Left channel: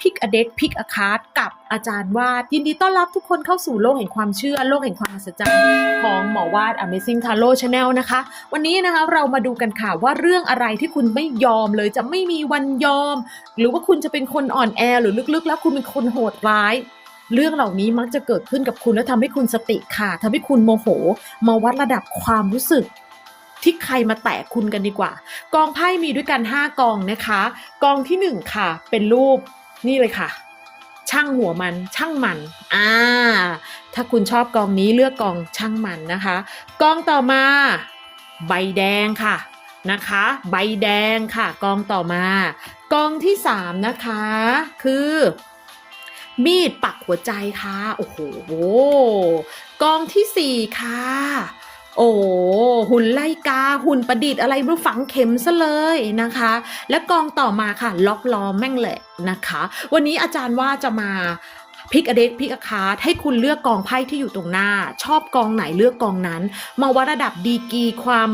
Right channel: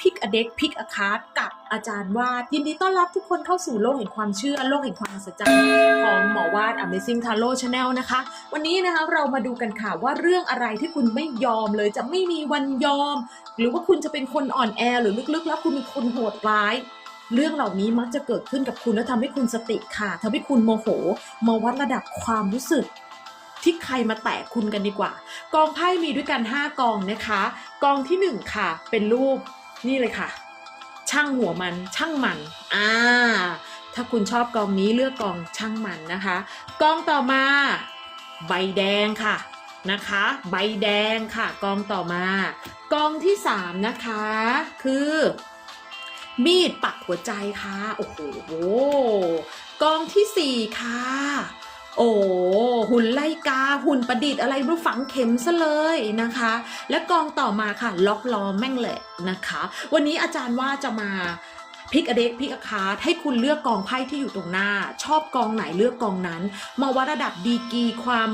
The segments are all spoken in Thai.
พิกอเด็กพิกอคาร์ดกับอาจารย์วาด ยินดีต้อนรับทุกคนเข้าสู่โลกแห่งความเชื่อ โลกแห่งความมหัศจรรย์ของหมอวาด Amazing Tarot Channel นะคะ วันนี้นะคะเรามาดูกันค่ะว่าเรื่องอะไรที่คุณไม่ยอมเลยจะไม่มีวันยอม หรือว่าคุณจะเป็นคนอ่อนแอหรือลึกๆ แล้วคุณเป็นคนโหดร้ายเรื่องเหล่านี้มักจะเกิดขึ้นกับคุณและทำให้คุณสติขาดทำให้คุณโมโห มาวัดระดับความรู้สึก ที่ใครมาแตะคุณกันดีกว่า กองไพ่มีด้วยกัน 5 กองนะคะ กองที่ 1 ค่ะ เป็นรูป นี่เลยค่ะ ช่างหัวมันช่างมันอ่าถ้าคุณชอบกองนี้เลือกกองช่างมันนะคะกองต่อมา ใบแดงค่ะนะคะ ใบแดงค่ะกองต่อมากองที่ 3 นะคะ คือ มีดปักหัวใจค่ะ โอ้โหกองที่ 4 ค่ะ โอ้หุ่นไล่กา หุ่นประดิษฐ์อะไรรู้ฝังเข็มซะเลยนะคะ และกองต่อมาค่ะ ล็อกล้อแม่งเลยนะคะ วันนี้อาจารย์ว่าจะมา พิกอเด็กพิกอาคาร์ดให้คุณเลือกกองไพ่ที่อยู่ตรงหน้า ชอบกองไหนเลือกกองนั้น มาวัดระดับดีกีความ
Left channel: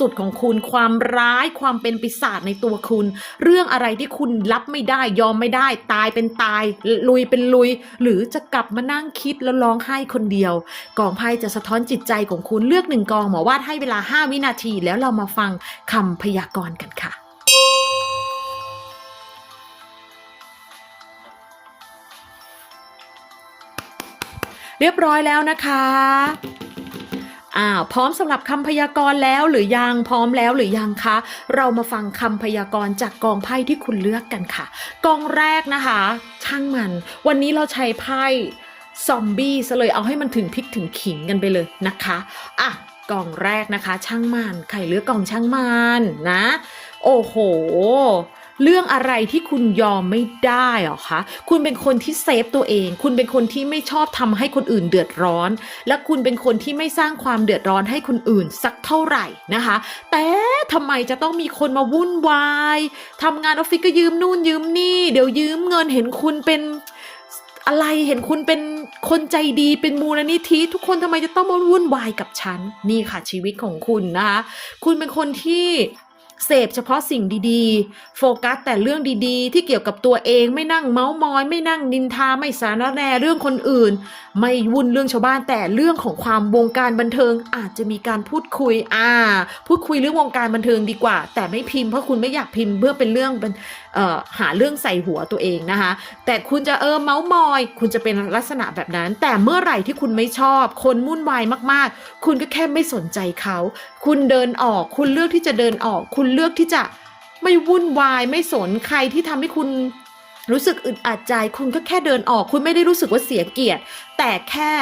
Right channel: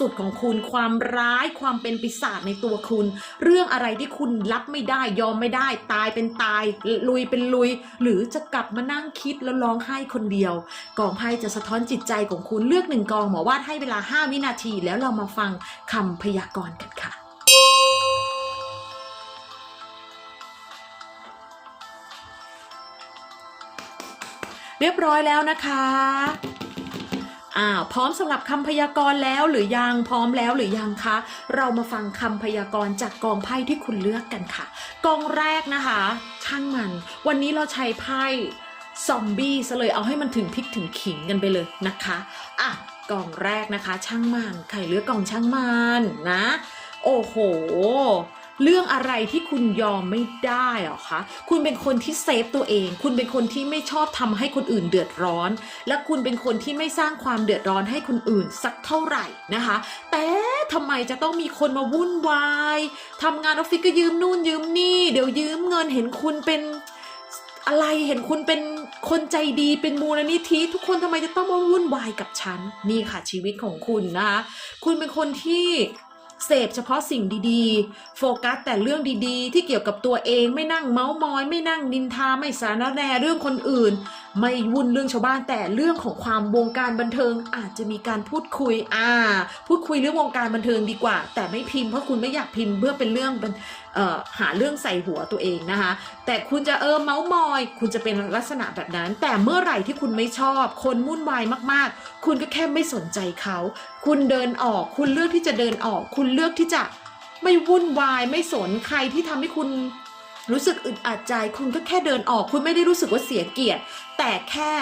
สุดๆของคุณความร้ายความเป็นปีศาจในตัวคุณ เรื่องอะไรที่คุณรับไม่ได้ยอมไม่ได้ ตายเป็นตาย ลุยเป็นลุย หรือจะกลับมานั่งคิดแล้วร้องไห้คนเดียว กองไพ่จะสะท้อนจิตใจของคุณเลือกหนึ่งกองหมอวาดให้เวลา 5 วินาที แล้วเรามาฟังคำพยากรณ์กันค่ะ เรียบร้อยแล้วนะคะอ้าวพร้อมสำหรับคำพยากรณ์แล้วหรือยังพร้อมแล้วหรือยังคะ เรามาฟังคำพยากรณ์จากกองไพ่ที่คุณเลือกกันค่ะ กองแรกนะคะ ช่างมัน วันนี้เราใช้ไพ่ซอมบี้ซะเลยเอาให้มันถึงพริกถึงขิงกันไปเลยนะคะอะกองแรกนะคะ ช่างมันใครเลือกกองช่างมันนะ โอ้โห เรื่องอะไรที่คุณยอมไม่ได้หรอคะ คุณเป็นคนที่เซฟตัวเอง คุณเป็นคนที่ไม่ชอบทำให้คนอื่นเดือดร้อน และคุณเป็นคนที่ไม่สร้างความเดือดร้อนให้คนอื่นสักเท่าไหร่นะคะ แต่ทำไมจะต้องมีคนมาวุ่นวายทำงานออฟฟิศก็ยืมนู่นยืมนี่ เดี๋ยวยืมเงินเห็นคุณเป็นอะไรเห็นคุณเป็นคนใจดีเป็นมูลนิธิทุกคนทำไมจะต้องมาวุ่นวายกับฉัน นี่ค่ะชีวิตของคุณนะคะ คุณเป็นคนที่ เสพเฉพาะสิ่งดีๆ โฟกัสแต่เรื่องดีๆ ที่เกี่ยวกับตัวเองไม่นั่งเมาส์มอย ไม่นั่งนินทาไม่สารแนเรื่องคนอื่น ไม่วุ่นเรื่องชาวบ้านแต่เรื่องของความวงการบันเทิงอาจจะมีการพูดคุยอ่า พูดคุยเรื่องวงการบันเทิงดีกว่า แต่ไม่พิมพ์เพราะคุณไม่อยากพิมพ์เพื่อเป็นเรื่องเอ่อหาเรื่องใส่หัวตัวเองนะคะ แต่คุณจะเออเมาส์มอย คุณจะเป็นลักษณะแบบนั้น แต่เมื่อไหร่ที่คุณไม่ชอบ คนวุ่นวายมากๆ คุณก็แค่ไม่สนใจเขา คุณเดินออก คุณเลือกที่จะเดินออก คุณเลือกที่จะไม่วุ่นวายไม่สนใครที่ทำให้คุณ รู้สึกอึดอัดใจคุณก็แค่เดินออก คุณไม่ได้รู้สึกว่าเสียเกียรติ แต่แค่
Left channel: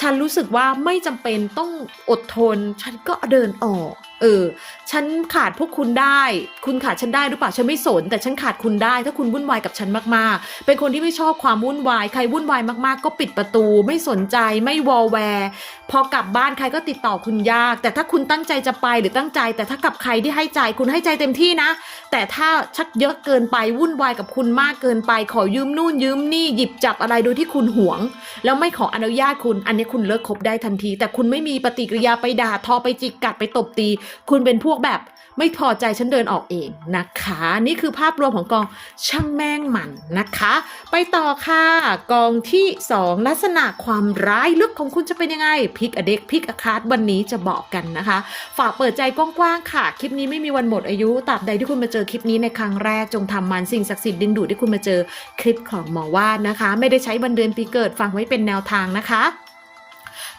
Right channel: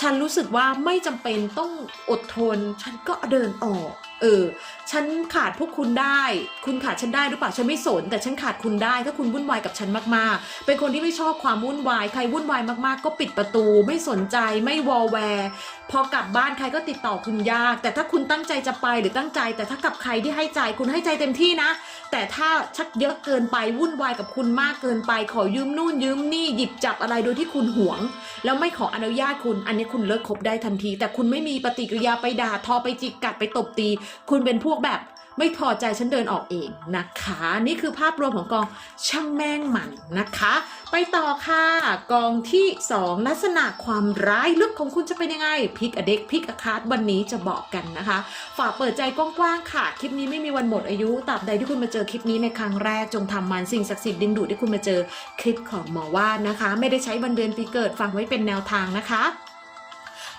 ฉันรู้สึกว่าไม่จำเป็นต้องอดทน ฉันก็เดินออกเออ ฉันขาดพวกคุณได้ คุณขาดฉันได้หรือเปล่า ฉันไม่สน แต่ฉันขาดคุณได้ ถ้าคุณวุ่นวายกับฉันมากๆ เป็นคนที่ไม่ชอบความวุ่นวาย ใครวุ่นวายมากๆ ก็ปิดประตู ไม่สนใจ ไม่วอลแวร์พอกลับบ้านใครก็ติดต่อคุณยาก แต่ถ้าคุณตั้งใจจะไปหรือตั้งใจ แต่ถ้ากับใครที่ให้ใจ คุณให้ใจเต็มที่นะ แต่ถ้าชักเยอะเกินไป วุ่นวายกับคุณมากเกินไป ขอยืมนู่นยืมนี่ หยิบจับอะไรโดยที่คุณหวง แล้วไม่ขออนุญาตคุณ อันนี้คุณเลิกคบได้ทันที แต่คุณไม่มีปฏิกิริยาไปด่าทอไปจิกกัดไปตบตีคุณเป็นพวกแบบไม่พอใจฉันเดินออกเองนะคะ นี่คือภาพรวมของกองช่างแม่งหมันนะคะ ไปต่อค่ะ กองที่ 2 ลักษณะความร้ายลึกของคุณจะเป็นยังไงพิกอเด็กพิกอคาร์ดวันนี้จะบอกกันนะคะ ฝากเปิดใจกว้างๆค่ะ คลิปนี้ไม่มีวันหมดอายุตราบใดที่คุณมาเจอคลิปนี้ในครั้งแรกจงทำมันสิ่งศักดิ์สิทธิ์ดึงดูดที่คุณมาเจอคลิปของหมอว่านนะคะ ไม่ได้ใช้วันเดือนปีเกิดฟังไว้เป็นแนวทางนะคะ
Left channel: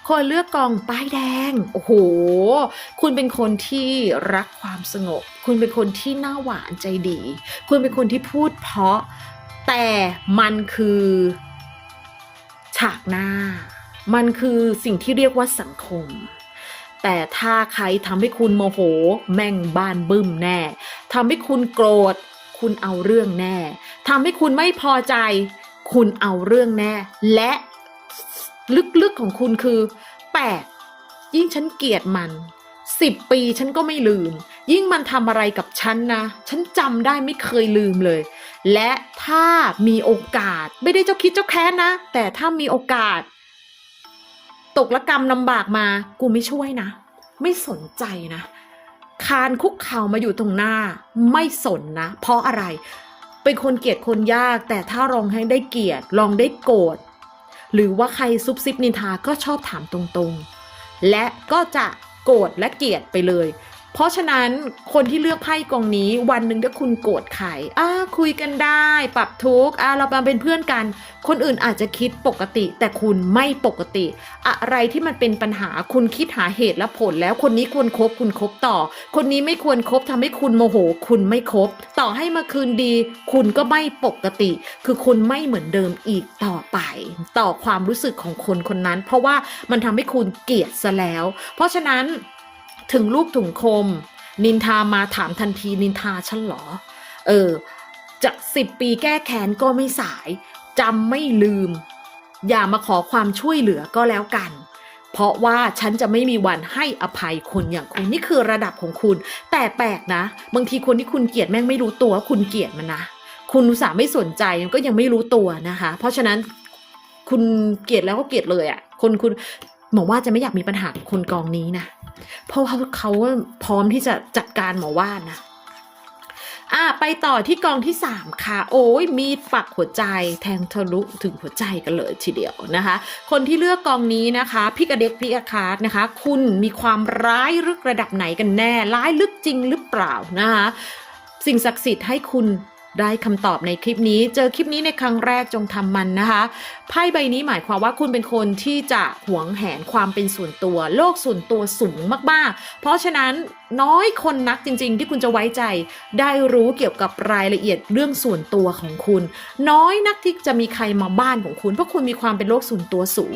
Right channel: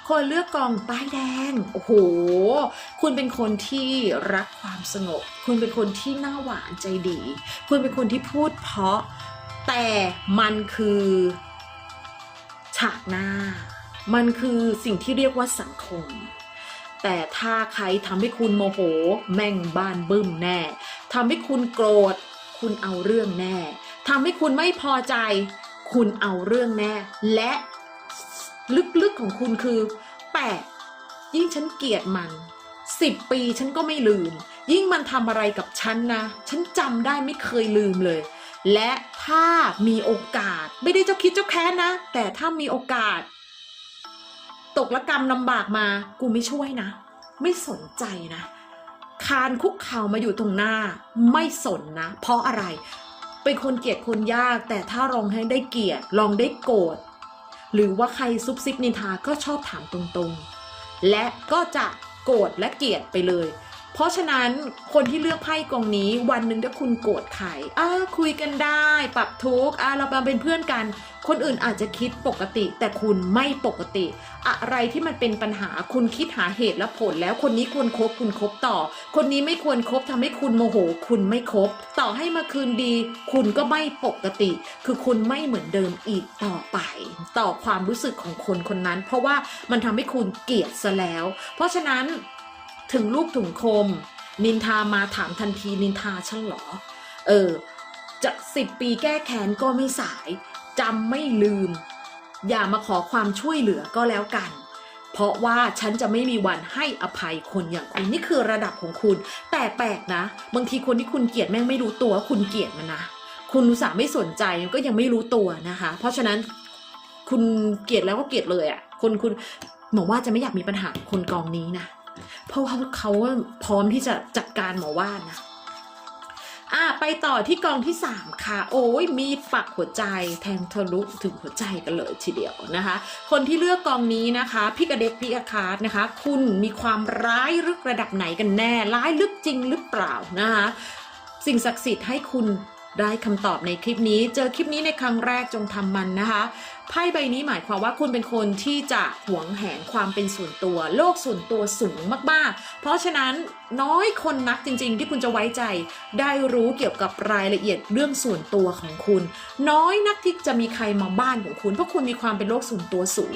คนเลือกกองป้ายแดง โอ้โห คุณเป็นคนที่รักความสงบ คุณเป็นคนที่หน้าหวานใจดี คุณเป็นคนที่พูดเพราะ แต่มันคือฉากหน้า มันคือสิ่งที่เรียกว่าสังคมแต่ถ้าใครทำให้คุณโมโห แม่งบ้านบึ้มแน่ทำให้คุณโกรธ คุณเอาเรื่องแน่ทำให้คุณไม่พอใจ คุณเอาเรื่องแน่ และ ลึกๆของคุณคือแปลกยิ่งฉันเกลียดมันสิบปีฉันก็ไม่ลืม ยิ่งมันทำอะไรกับฉันนะ ฉันจำได้ไม่เคยลืมเลย และถ้ามีโอกาสไม่ได้เจ้าคิดเจ้าแค้นนะ แต่ถ้ามีโอกาส ตกละกรรมลำบากมา กูไม่ช่วยนะ ไม่สนใจนะ คานคุกเข่ามาอยู่ตรงหน้า ไม่สนนะ เพราะอะไร เป็นคนเกลียดคนยาก แต่ถ้าลองให้ได้เกลียดลองได้โกรธ หรือว่าใครซุบซิบนินทาก็ชอบถามตรงๆ และก็จะโกรธและเกลียดไปเลย เพราะฉะนั้นคนที่เลือกไพ่กองนี้ วันหนึ่งถ้าคุณโกรธใครอ่าคุยกันได้ ปรับทุกข์อ่าเรามาเป็นเพื่อนกัน คนอื่นอาจจะคิดปกติ แต่คุณไม่ปกติ อะไรที่มันเป็นปัญหาคุณคิดหาเหตุและผล แล้วคนนี้ควรครบคุณคบต่อ คนนี้ไม่ควรครบทำให้คุณโมโห คุณไม่คบ ต่อให้มาคืนดี คุณก็ไม่ปกติ คือคุณไม่เหมือนเดิมอีกต่อไป ต่อความรู้สึกของคนคนนั้น เพราะว่ามันทำให้คุณเกลียดซะแล้ว เพราะฉะนั้น ถึงลูกถุงคม นินทามาถามทันทีนินทาฉันเหรอ เออจะสิบปีแก้แค้นก็ไม่สายจำไม่ลืม อย่ามาขอความช่วยเหลือก็แล้วกัน เพราะว่าฉันจะไม่มีวันให้อภัยคนอย่างคุณนี่คือระดับของคุณ แต่แปลกนะ บางทีคนที่คุณเกลียดแม่งไม่รู้ตัวคุณเกลียดมันนะคุณอุตส่าห์ไม่สนใจมันก็ยังไม่รู้ตัวนะคะ เพราะฉะนั้นคุณเกลียดแล้วก็เกลียดเลยอะ่ะคนคุณหมอว่าจะไม่อยากมีปัญหาคนกองนี้นะ เพราะว่าเขาพร้อมที่จะจัดการหมอว่านะอะไปต่อที่กองที่ 3 ค่ะ โอ้ยมีดปักหัวใจแทงทะลุถึงหัวใจกันเลยทีเดียวนะคะ คนที่เลือกกองนี้นะคะพี่กระเด็กพี่อาคาร์ดนะคะ คุณมีความร้ายลึกระดับไหนกันแน่ ร้ายลึกจริงหรือเปล่านะคะสิ่งศักดิ์สิทธิ์ให้คุณ ได้คำตอบในคลิปนี้ เจอคลิปนี้ในครั้งแรกจงทำมันนะคะไพ่ใบนี้หมายความว่าคุณเป็นคนที่จะหวงแหนความเป็นส่วนตัว โลกส่วนตัวสูงมากๆ เพราะฉะนั้นน้อยคนนักจริง ๆ ที่คุณจะไว้ใจ ได้รู้เกี่ยวกับรายละเอียดเรื่องส่วนตัวของคุณ น้อยนักที่จะมีใครมาบ้านของคุณ เพราะคุณมีความเป็นโลกส่วนตัวสูง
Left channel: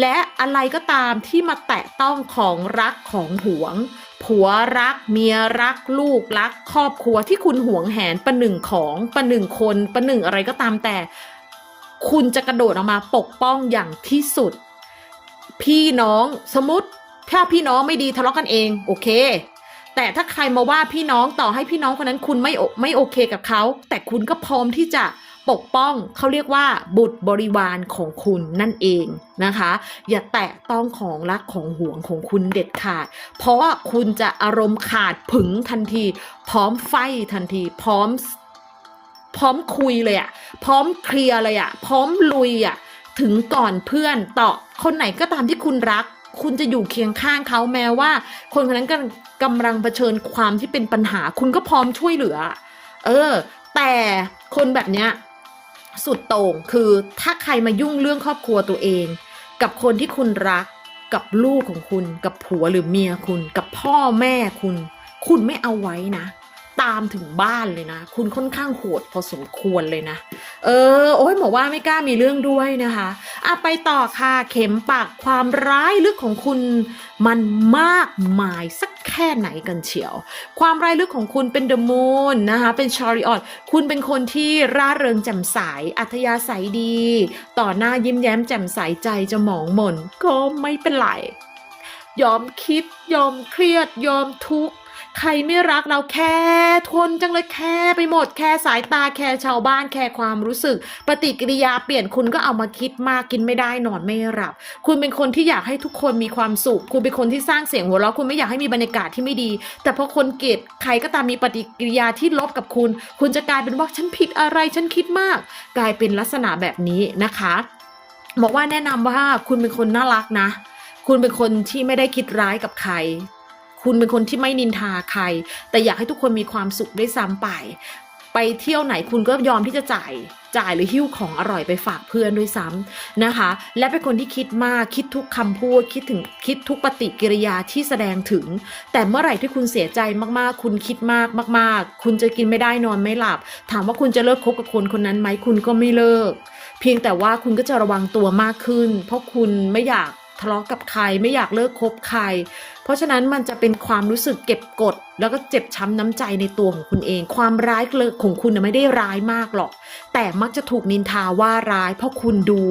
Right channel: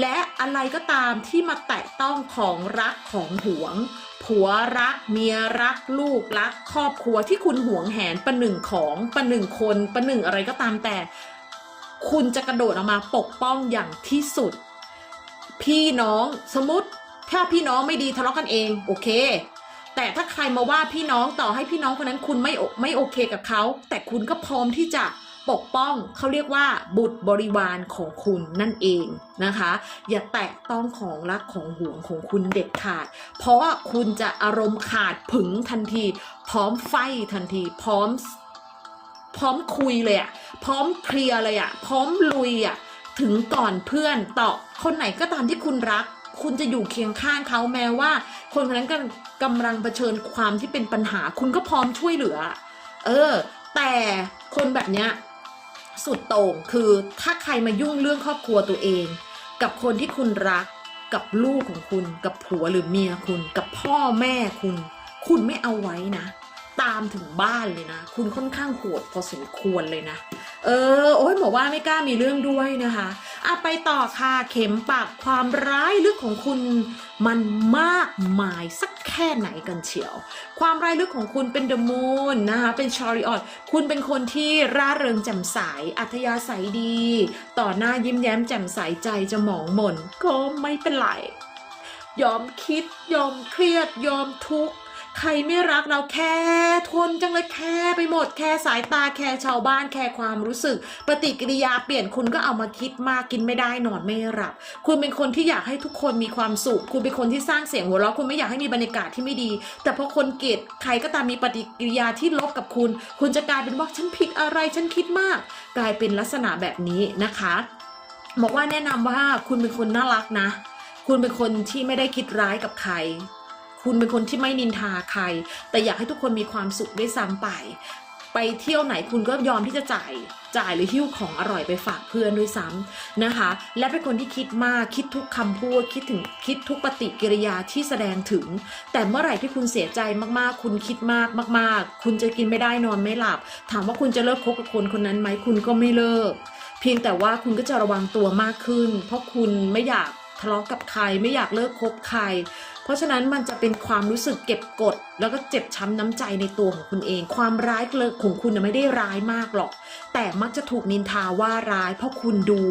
และอะไรก็ตามที่มาแตะต้องของรักของหวงผัวรักเมียรักลูกรัก ครอบครัวที่คุณหวงแหนประหนึ่งของประหนึ่งคนประหนึ่งอะไรก็ตามแต่ คุณจะกระโดดออกมาปกป้องอย่างที่สุด พี่น้องสมมติถ้าพี่น้องไม่ดีทะเลาะกันเอง โอเค แต่ถ้าใครมาว่าพี่น้องต่อให้พี่น้องคนนั้นคุณไม่ไม่โอเคกับเขา แต่คุณก็พร้อมที่จะ ปกป้องเขาเรียกว่าบุตรบริวารของคุณนั่นเองนะคะ อย่าแตะต้องของรักของห่วงของคุณเด็ดขาด เพราะว่าคุณจะอารมณ์ขาดผึงทันที พร้อมไฟทันที พร้อม พร้อมคุยเลยอะพร้อมเคลียร์เลยอะพร้อมลุยอะถึงก่อนเพื่อนต่อคนไหนก็ตามที่คุณรักคุณจะอยู่เคียงข้างเขาแม้ว่า คนคนนั้นกำลังกำลังเผชิญความที่เป็นปัญหา คุณก็พร้อมช่วยเหลือ เออ แต่คนแบบเนี้ย สุดโต่งคือถ้าใครมายุ่งเรื่องครอบครัวตัวเอง กับคนที่คุณรัก กับลูกของคุณ กับผัวหรือเมียคุณ กับพ่อแม่คุณ คุณไม่เอาไว้นะามถึงบ้านเลยนะ คุณค่อนข้างโหดพอสมควรเลยนะ เออ โอ้ยหมอว่าไม่กล้ามีเรื่องด้วยนะคะอะไปต่อค่ะ เข็มปากความร้ายลึกของคุณมันมากมายสักแค่ไหนกันเชียว ความร้ายลึกของคุณเป็นเดอะมูนนะคะ เป็นชาริออตคุณเป็นคนที่ร่าเริงแจ่มใส อัธยาศัยดี ต่อหน้ายิ้มแย้มแจ่มใสใจจะหมองหม่นก็ไม่เป็นไร ยอมคิด ยอมเครียด ยอมทุกข์ ใครไม่รักเราแค่ทนจังเลยแค่ไปหมดแค่สายตาแค่ชาวบ้านแค่ความรู้สึก ปฏิกิริยาเปลี่ยนคุณก็เอามาคิดมากกินไม่ได้นอนไม่หลับ คุณเป็นคนที่อยากให้ทุกคนมีความสุข คุณเป็นคนที่สร้างเสียงหัวเราะคุณไม่อยากให้มีบรรยากาศที่ไม่ดี แต่พอคนเกลียดใครก็ตามมีปฏิกิริยาที่ลบกับคุณ คุณจะกลายเป็นว่าฉันผิดอะไรฉันคิดมาก กลายเป็นลักษณะแบบนี้นะคะบอกว่าแนะนำว่าคุณเป็นคนน่ารักนะ คุณเป็นคนที่ไม่ได้คิดร้ายกับใคร คุณเป็นคนที่ไม่นินทาใคร แต่อยากให้ทุกคนมีความสุขด้วยซ้ำไป ไปเที่ยวไหนคุณก็ยอมที่จะจ่ายจ่ายหรือหิ้วของอร่อยไปฝากเพื่อนด้วยซ้ำนะคะ และเป็นคนที่คิดมากคิดทุกคำพูดคิดถึงคิดทุกปฏิกิริยาที่แสดงถึง แต่เมื่อไหร่ที่คุณเสียใจมากๆ คุณคิดมากมาก ๆ คุณจะกินไม่ได้นอนไม่หลับ ถามว่าคุณจะเลิกคบกับคนคนนั้นไหมคุณก็ไม่เลิก เพียงแต่ว่าคุณก็จะระวังตัวมากขึ้น เพราะคุณไม่อยาก ทะเลาะกับใครไม่อยากเลิกคบใคร เพราะฉะนั้นมันจะเป็นความรู้สึกเก็บกด แล้วก็เจ็บช้ำน้ำใจในตัวของคุณเอง ความร้ายเลิกของคุณไม่ได้ร้ายมากหรอก แต่มักจะถูกนินทาว่าร้ายเพราะคุณดู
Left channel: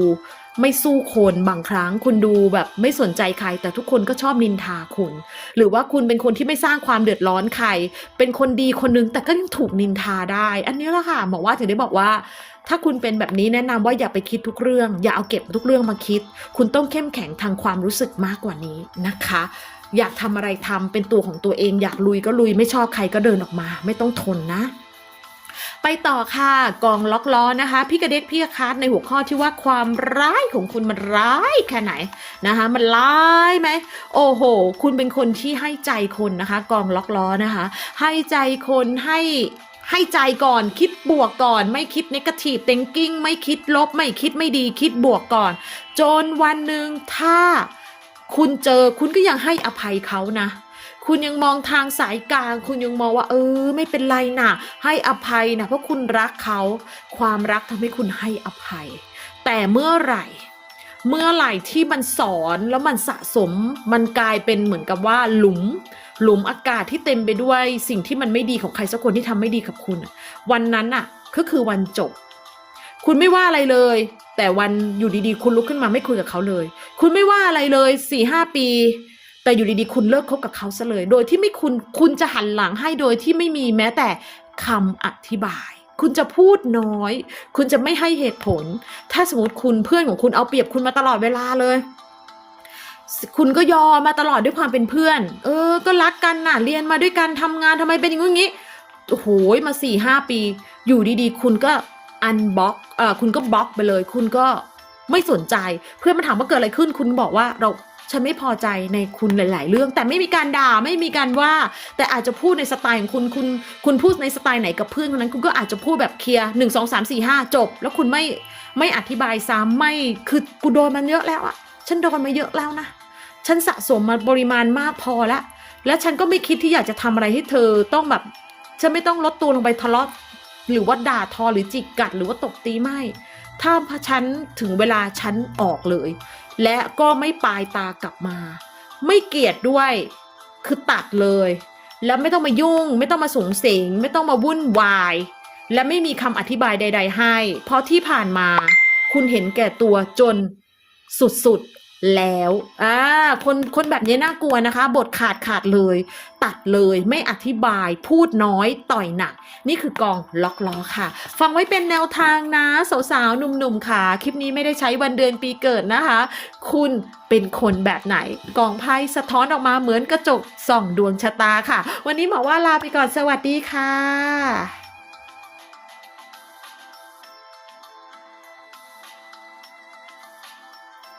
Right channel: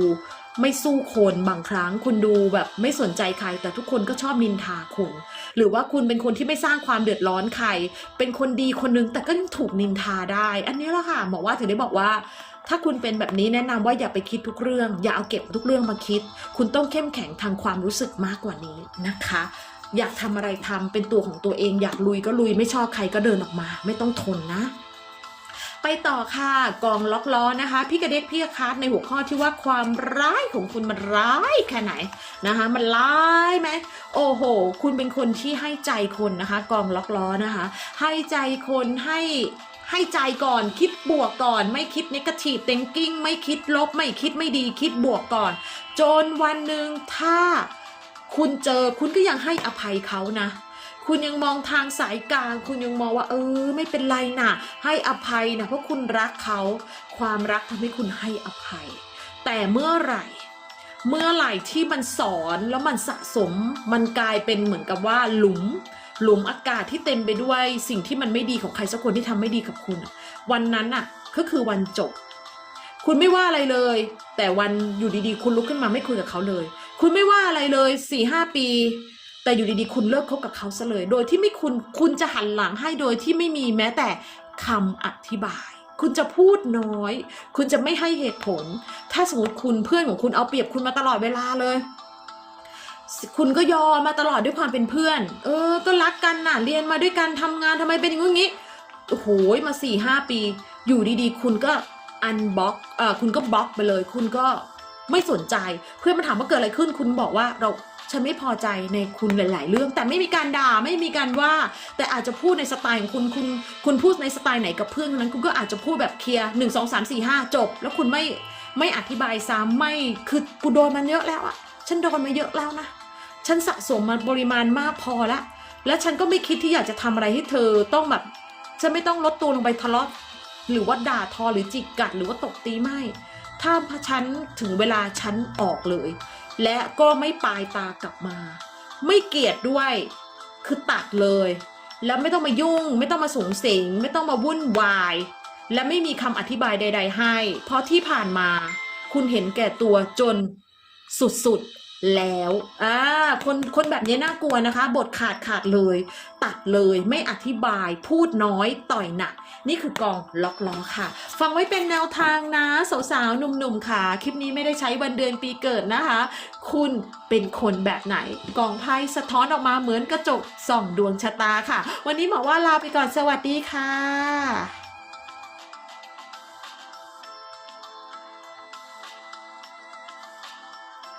ไม่สู้คนบางครั้งคุณดูแบบไม่สนใจใคร แต่ทุกคนก็ชอบนินทาคุณ หรือว่าคุณเป็นคนที่ไม่สร้างความเดือดร้อนใคร เป็นคนดีคนนึงแต่ก็ยังถูกนินทาได้ อันนี้แหละค่ะบอกว่าถึงได้บอกว่า ถ้าคุณเป็นแบบนี้แนะนำว่าอย่าไปคิดทุกเรื่อง อย่าเอาเก็บทุกเรื่องมาคิด คุณต้องเข้มแข็งทางความรู้สึกมากกว่านี้นะคะ อยากทำอะไรทำเป็นตัวของตัวเองอยากลุยก็ลุยไม่ชอบใครก็เดินออกมา ไม่ต้องทนนะ ไปต่อค่ะกองล็อกล้อนะคะ พี่กระเด็กพี่คาร์ดในหัวข้อที่ว่าความร้ายของคุณมันร้ายแค่ไหนนะคะ มันร้ายไหมโอ้โห คุณเป็นคนที่ให้ใจคนนะคะ กองล็อกล้อนะคะ ให้ใจคนให้ ให้ใจก่อนคิดบวกก่อน ไม่คิดนิกาทีฟเ i งกิ้งไม่คิดลบ ไม่คิดไม่ดีคิดบวกก่อน จนวันหนึ่งถ้าคุณเจอคุณก็ยังให้อภัยเขานะ คุณยังมองทางสายกลาง คุณยังมองว่า เออ ไม่เป็นไรนะให้อภัยนะเพราะคุณรักเขา ความรักทำให้คุณให้อภัย แต่เมื่อไหร่เมื่อไหร่ที่มันสอนแล้วมันสะสมมันกลายเป็นเหมือนกับว่าหลุม หลุมอากาศที่เต็มไปด้วยสิ่งที่มันไม่ดีของใครสักคนที่ทำไม่ดีกับคุณอะวันนั้นน่ะก็คือวันจบ คุณไม่ว่าอะไรเลย แต่วันอยู่ดีๆ คุณลุกขึ้นมาไม่คุยกับเขาเลย คุณไม่ว่าอะไรเลยสี่ห้าปี แต่อยู่ดีๆ คุณเลิกคบกับเขาซะเลย โดยที่ไม่คุณคุณจะหันหลังให้โดยที่ไม่มีแม้แต่คำอธิบายคุณจะพูดน้อย คุณจะไม่ให้เหตุผล ถ้าสมมติคุณเพื่อนของคุณเอาเปรียบคุณมาตลอดเวลาเลย คุณก็ยอมมาตลอดด้วยความเป็นเพื่อน เออ ก็รักกันน่ะ เรียนมาด้วยกันทำงานทำไมเป็นอย่างงี้ โอ้โห มาสี่ห้าปี อยู่ดีๆ คุณก็อันบล็อกเออคุณก็บล็อกไปเลย คุณก็ไม่สนใจ เพื่อนมาถามว่าเกิดอะไรขึ้น คุณบอกว่าเราฉันไม่พอใจในคุณหลาย ๆ เรื่อง แต่ไม่มีการด่าไม่มีการว่า แต่อาจจะพูดในสไตล์ของคุณคุณคุณพูดในสไตล์ไหนกับเพื่อนคนนั้น คุณก็อาจจะพูดแบบเคลียร์หนึ่งสองสามสี่ห้าจบ แล้วคุณไม่ไม่อธิบายซ้ำไม่คือกูโดนมันเยอะแล้วอะฉันโดนมาเยอะแล้วนะ ฉันสะสมมาปริมาณมากพอแล้ว และฉันก็ไม่คิดที่อยากจะทำอะไรให้เธอต้องแบบ ฉันไม่ต้องลดตัวลงไปทะเลาะหรือว่าด่าทอหรือจิกกัดหรือว่าตบตีไม่ ถ้าฉันถึงเวลาฉันออกเลย และก็ไม่ปลายตากลับมา ไม่เกลียดด้วยคือตัดเลย แล้วไม่ต้องมายุ่ง ไม่ต้องมาสูงสิง ไม่ต้องมาวุ่นวาย และไม่มีคำอธิบายใด ๆ ให้ เพราะที่ผ่านมา คุณเห็นแก่ตัวจนสุดๆ แล้วอ่าคนคนแบบนี้น่ากลัวนะคะ บทขาดขาดเลย ตัดเลยไม่อธิบายพูดน้อยต่อยหนัก นี่คือกองล็อกล้อค่ะ ฟังไว้เป็นแนวทางนะ สาวๆหนุ่มๆค่ะ คลิปนี้ไม่ได้ใช้วันเดือนปีเกิดนะคะ คุณเป็นคนแบบไหน กองไพ่สะท้อนออกมาเหมือนกระจกส่องดวงชะตาค่ะ วันนี้หมอว่าลาไปก่อนสวัสดีค่ะ